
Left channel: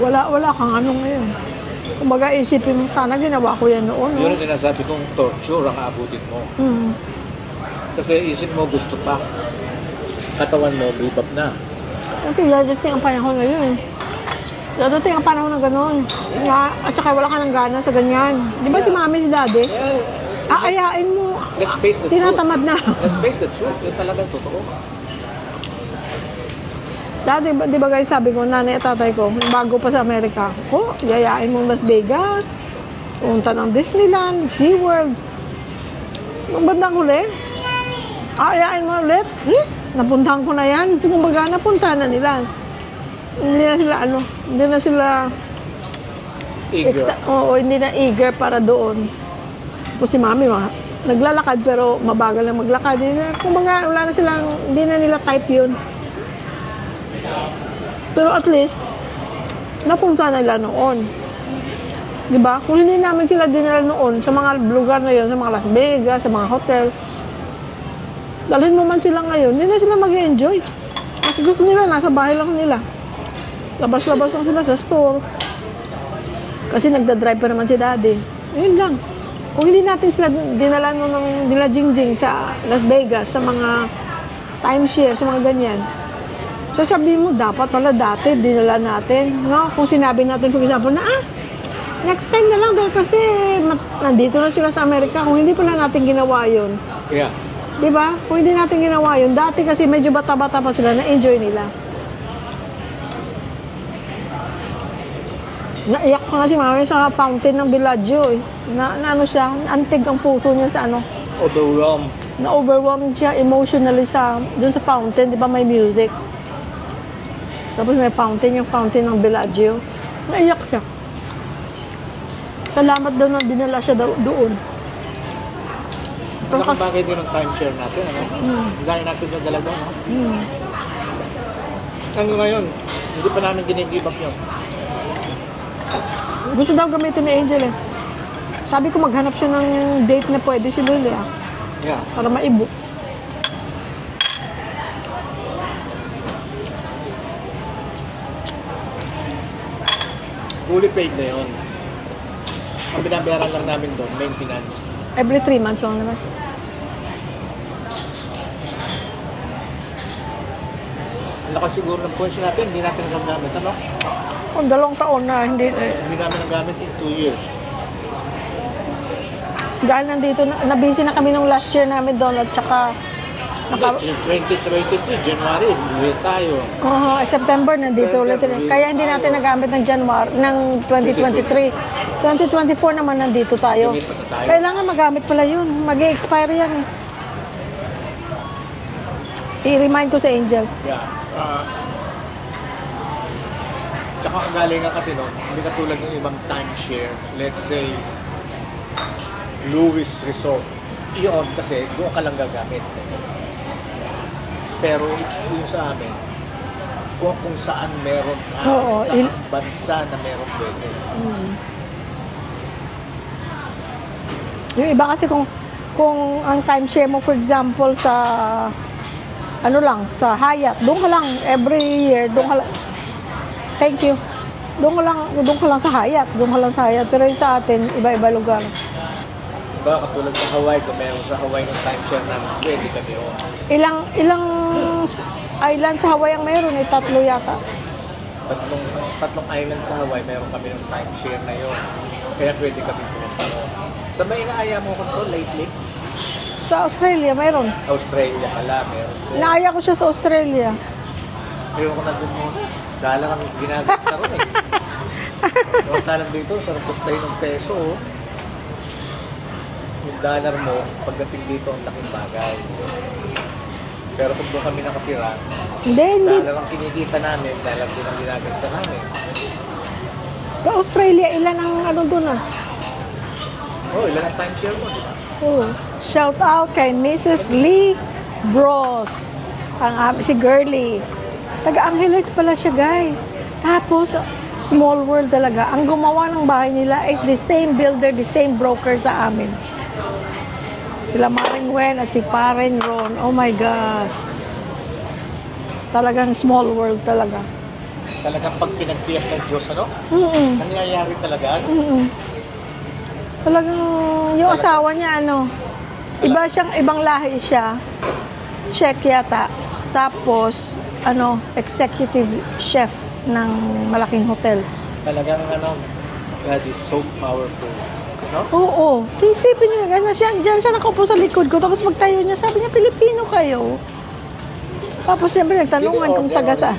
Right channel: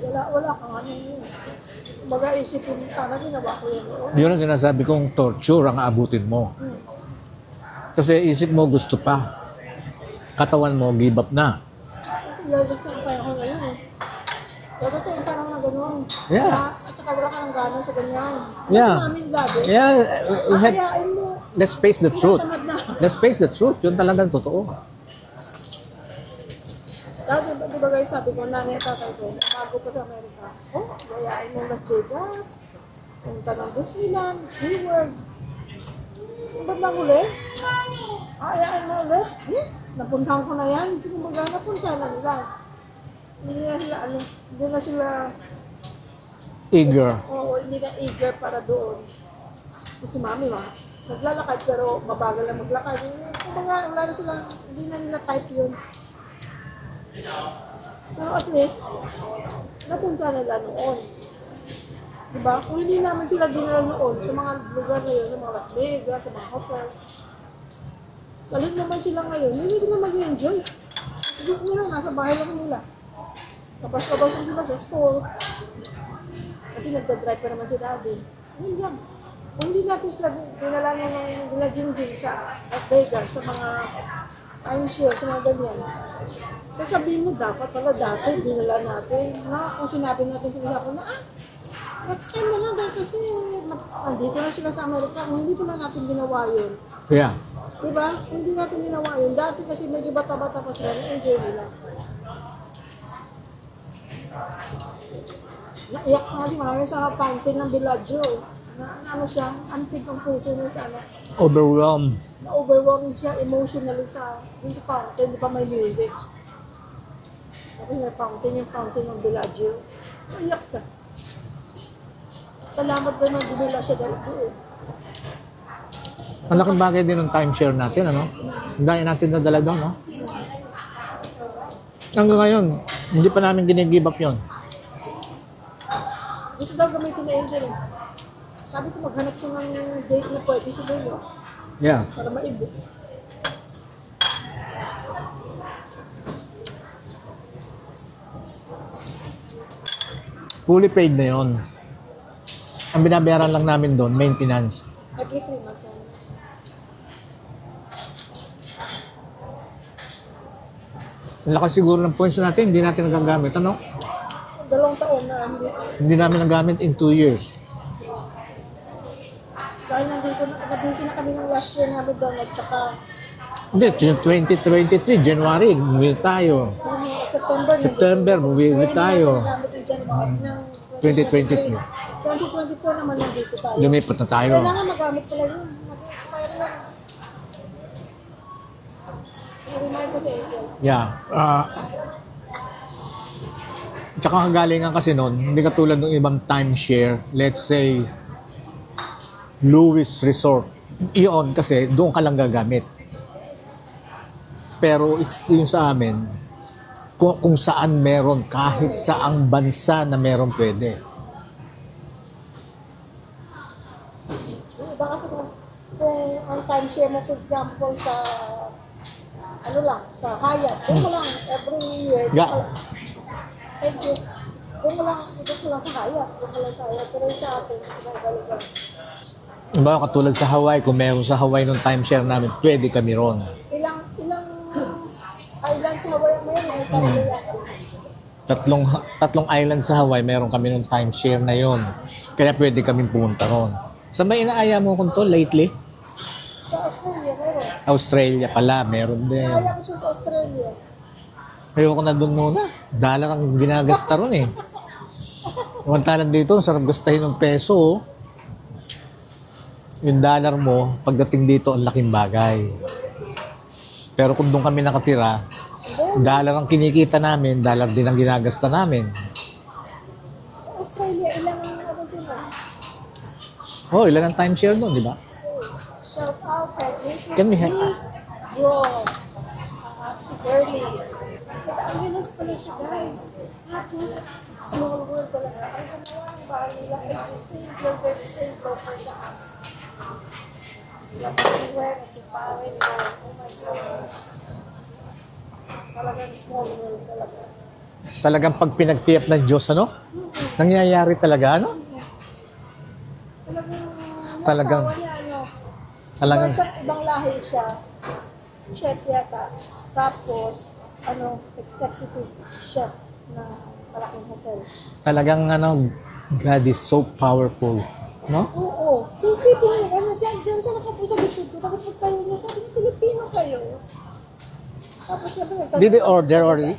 Wala kang ano ngayon. Kumbaga isipin mo, sana ginawa ko yan noon. Yun ang sinasabi kong torture ang aabutin mo. Kasi isip mo gusto pa. Katawan mo, give up na. Okay, dadating ang panahon ngayon. Dadating ang panahon na gano'n. Yeah. At saka wala ka ng gana sa ganyan. Di ba Yeah. si mami, si daddy? Yeah, Akayain mo. let's face the truth. Tinatamad na. Let's face the truth. Yun talagang totoo. Dati, di ba guys, sabi ko, nanay at tatay ko, bago pa sa Amerika, yayain mo Las Vegas, punta ng Disneyland, SeaWorld. Nung bandang huli, ayain mo ulit. Napuntahan ko na yan. Kumbaga, napuntahan na nila. Hindi na sila Eager. hindi na eager para doon. Tapos si mami, naglalakad pero mabagal lang maglakad. Kumbaga, wala na silang, hindi na nila type yun. Pero at least, napunta na nila noon. Diba? Kung hindi namin sila dinala noon sa mga lugar na yun, sa mga Las Vegas, sa mga hotel, dalhin mo man sila ngayon, hindi na sila mag-enjoy. Kasi gusto nila, nasa bahay lang nila. Labas-labas lang sila sa store. Kasi nagda-drive pa naman si daddy. Yun lang. Kung hindi natin sila dinala nila Jingjing sa Las Vegas, sa mga timeshare, sa mga ganyan, sasabihin mo, dapat pala dati, dinala natin. No? Kung sinabi natin, for example, na next time na lang dahil kasi nandito na sila sa Amerika. Kung hindi pala natin ginawa yun. Yeah. Diba? Kung hindi natin ginawa yun, dati kasi medyo bata-bata pa sila, na-enjoy nila. Naiyak pa nga si mami sa fountain ng Bellagio eh. Na ano siya, antig ang puso niya sa ano. Overwhelmed. Na-overwhelmed siya emotionally dun sa fountain, di ba may music. Tapos may fountain, yung fountain ng Bellagio. Naiyak siya. Salamat daw na dinala siya doon. Ang laking bagay din ng timeshare natin, ano? Ang dahil natin nadala doon, no? Hanggang ngayon, hindi pa namin ginigive up yun. Gusto daw gamitin ni Angel eh. Sabi ko maghanap siya ng date na pwede si Lily Yeah. para maibok. Fully paid na yun. Ang binabayaran lang namin doon, maintenance. Every 3 months lang naman. Ang lakas siguro ng points natin, hindi natin nagagamit, ano? Kung 2 taon na hindi Hindi namin nagamit in 2 years. dahil nandito na-busy na kami nung last year namin doon at saka Hindi, 2023, January, umuwi tayo. September nandito September, ulit. uwi Kaya hindi tayo. natin nagamit ng January ng 2023. 2024 naman nandito tayo. Lumipat na tayo. Kailangan magamit pala yun. Mag-i-expire yan. I-remind ko sa Angel. Yeah. Tsaka kagalingan kasi noon, hindi katulad ng ibang timeshare, let's say, Lewis Resort. Iyon kasi, doon ka lang gagamit. Pero yung sa amin, kung saan meron, kahit Oo, saang bansa na meron pwede. Yung iba kasi kung ang timeshare mo, for example, sa ano lang, sa Hyatt, doon ka lang every year, doon ka lang. Thank you. Doon ka lang sa Hyatt, Pero yung sa atin, iba-iba lugar. Diba, katulad sa Hawaii, kung meron sa Hawaii ng timeshare namin, pwede kami ron. Ilang island sa Hawaii ang meron? 3 yata. Tatlong island sa Hawaii, meron kami ng timeshare na yon. Kaya pwede kami pumunta ron. Sa may inaaya mo kung to lately? Sa Australia, meron. Australia pala, meron din. Naaya ko siya sa Australia. Ayoko na doon muna. Dollar ang ginagasta ron eh. Mantanan dito, sarap gastahin ng peso. Yung dollar mo, pagdating dito, ang laking bagay. Pero kung doon kami nakatira, Hindi. dollar ang kinikita namin, dollar din ang ginagasta namin. Sa Australia, ilan ang ano doon Oh, ilan ang timeshare doon, di ba? Oh. Shout out kay Mrs. Lee Bros. Si Girlie. Taga-Angeles pala siya, guys. Tapos, small world talaga. Ang gumawa ng bahay nila is the same builder, the same broker sa amin. Sila Maring Wen at si Paren Ron. Oh my gosh. Talagang small world talaga. Talagang pag pinagtiyap ng Diyos, ano? Nangyayari talaga, ano? Talagang yung Talagang- asawa niya, ano, ibang lahi siya. Czech yata. Tapos, executive chef ng malaking hotel. Talagang, God is so powerful. No? Oo. Isipin niyo, diyan siya nakaupo sa likod ko. Tapos magtayo niya, sabi niya, Pilipino kayo. Tapos siyempre Did they nagtanungan kung order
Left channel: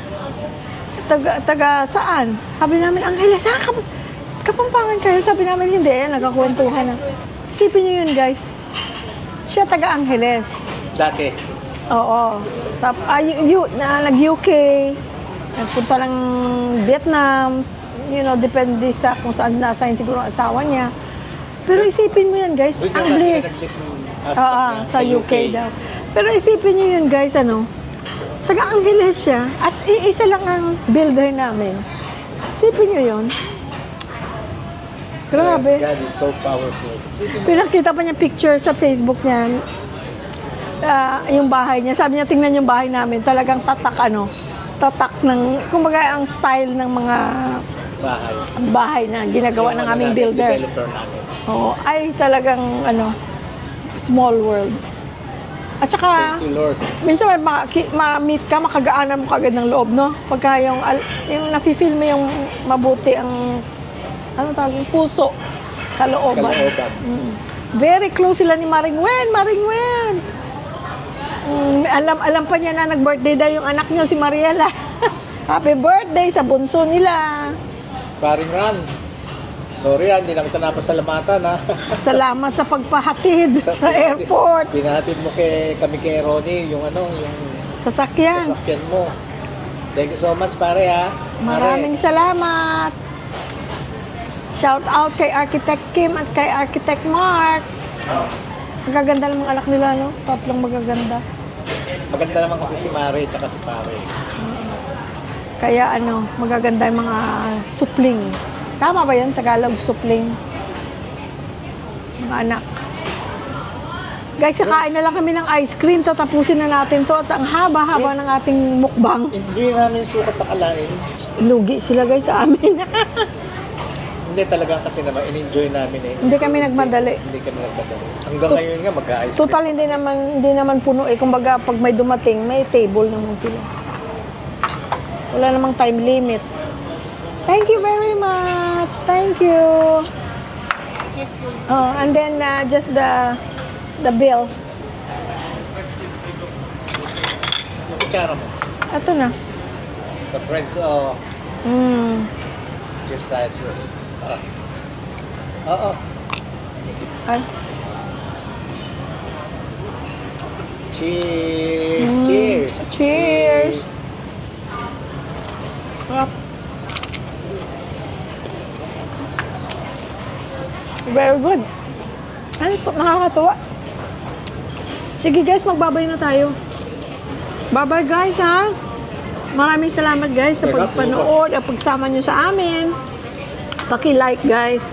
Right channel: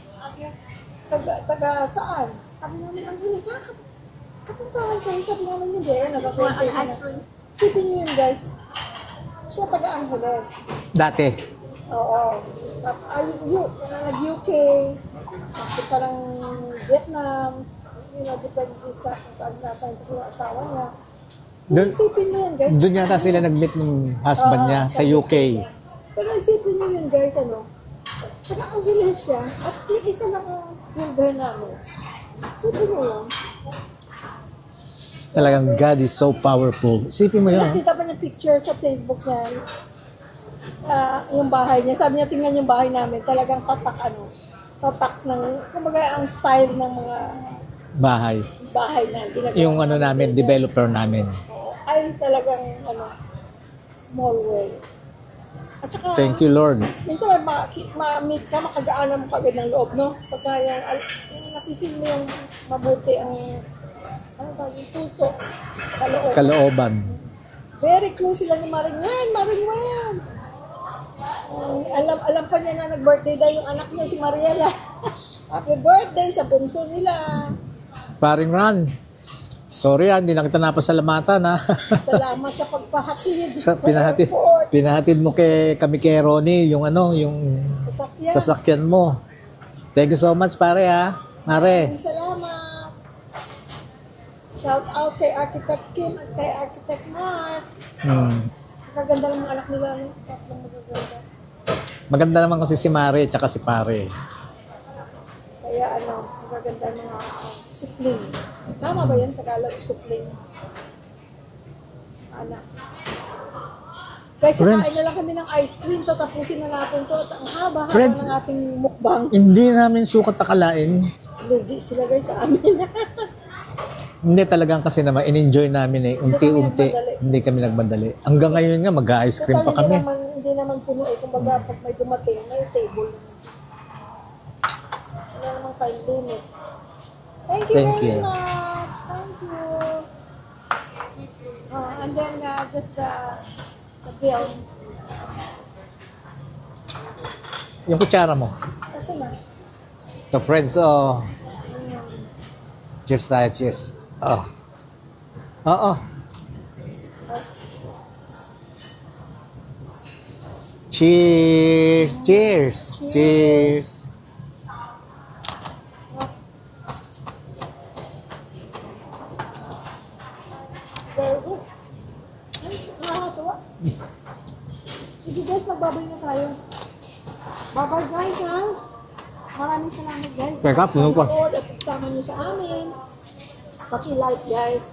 taga saan. Sabi namin, Angeles, saan Kapampangan kayo? Sabi namin, hindi. Nagkakwentuhan na. Isipin niyo yun, guys. Siya taga Angeles. Dati. Oo. Nag-UK, nagpunta ng Vietnam, depende sa kung saan na-assign siguro ang asawa niya. Pero isipin mo yan, guys. Doon yung kasi na nag-meet ng husband niya sa UK. daw. Pero isipin niyo yun, guys, taga-Angeles siya at isa lang ang builder namin. Isipin niyo yun. Talagang Grabe. God is so powerful. Isipin mo yun. Pinakita pa niya picture sa Facebook niya. Yung bahay niya. Sabi niya, tingnan yung bahay namin. Talagang tatak ng, kumbaga ang style ng mga bahay na ginagawa Yung ng aming builder. developer namin. Oo, ay talagang small world. At saka, Thank you, Lord. minsan may ma-meet ka, makagaanan mo kagad ng loob, no? Pagka yung nafe-feel mo yung mabuti ang puso, kalooban. Kalooban. Very close sila ni Maring Wen. Alam pa niya na nag-birthday daw yung anak niyo, si Mariela. Happy birthday sa bunso nila. Paring Ron. Sorry hindi lang kita napasalamatan ha. Salamat sa pagpahatid sa airport. Pinahatid mo kami kay Ronnie yung Sasakyan. sasakyan mo. Thank you so much, pare, ha? Maraming salamat. Shout out kay Architect Kim at kay Architect Mark. Magaganda lang mga anak nila, no? Tatlong magaganda. Maganda naman kasi si Mare tsaka si pare. Kaya ano, magaganda yung mga supling. Tama ba yan? Tagalog, supling. Mga anak. Guys, Friends. kakain na lang kami ng ice cream. Tatapusin na natin to. At ang haba-haba Friends. ng ating mukbang. Hindi namin sukat akalain. Lugi sila guys sa amin. Hindi talagang kasi naman, in-enjoy namin eh. Hindi kami Unti-unti. nagmadali. Hindi kami nagmadali. Hanggang ngayon nga, mag-ice cream Total, pa kami. hindi naman puno eh. Kumbaga, pag may dumating, may table naman sila. Wala namang time limit. Thank you Thank very you. much. Thank you. Yes, we. Oh, and then just the bill. Yung kutsara mo. Ito na. The friends, oh. Cheers tayo, cheers. Oo. Ay. Cheers! Cheers! Cheers! Ah. Very good. Ay, nakakatuwa. Sige guys, magbabay na tayo. Bye-bye guys, ha? Maraming salamat guys sa Teka, pagpanood at pagsama nyo sa amin. Paki-like guys.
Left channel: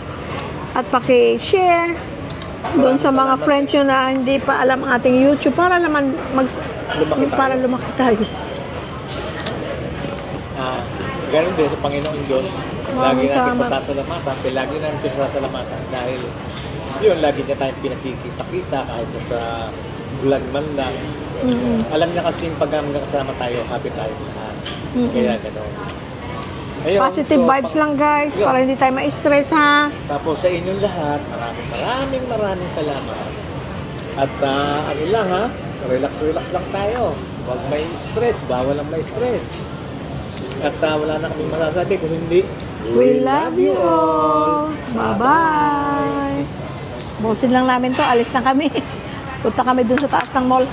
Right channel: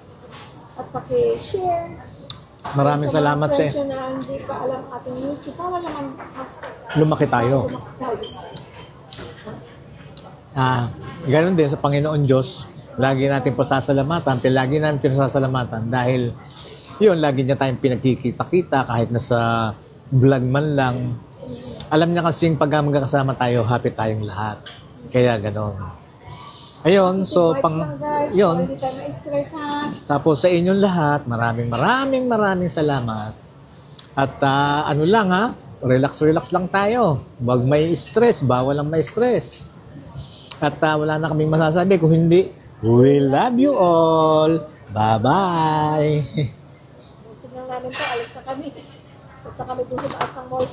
At paki-share. Doon Maraming sa mga salamat friends nyo na hindi pa alam ang ating YouTube para naman Lumaki tayo. Para lumaki tayo. Ganun din sa Panginoon Diyos. Lagi natin Tama. pasasalamatan. Lagi natin pinasasalamatan dahil yun, lagi niya tayong pinagkikita-kita kahit nasa vlog man lang. Alam niya kasi pag magkakasama tayo, happy tayong lahat. Kaya gano'n. Ayun, Positive vibes lang guys, yun. para hindi tayo ma-stress ha. Tapos sa inyong lahat, maraming salamat. At ano lang ha, relax lang tayo. Huwag may stress, bawal lang may stress. At wala na kaming masasabi kung hindi, we love you all. Bye-bye. Busin lang namin to, alis na kami. Punta kami dun sa taas ng mall.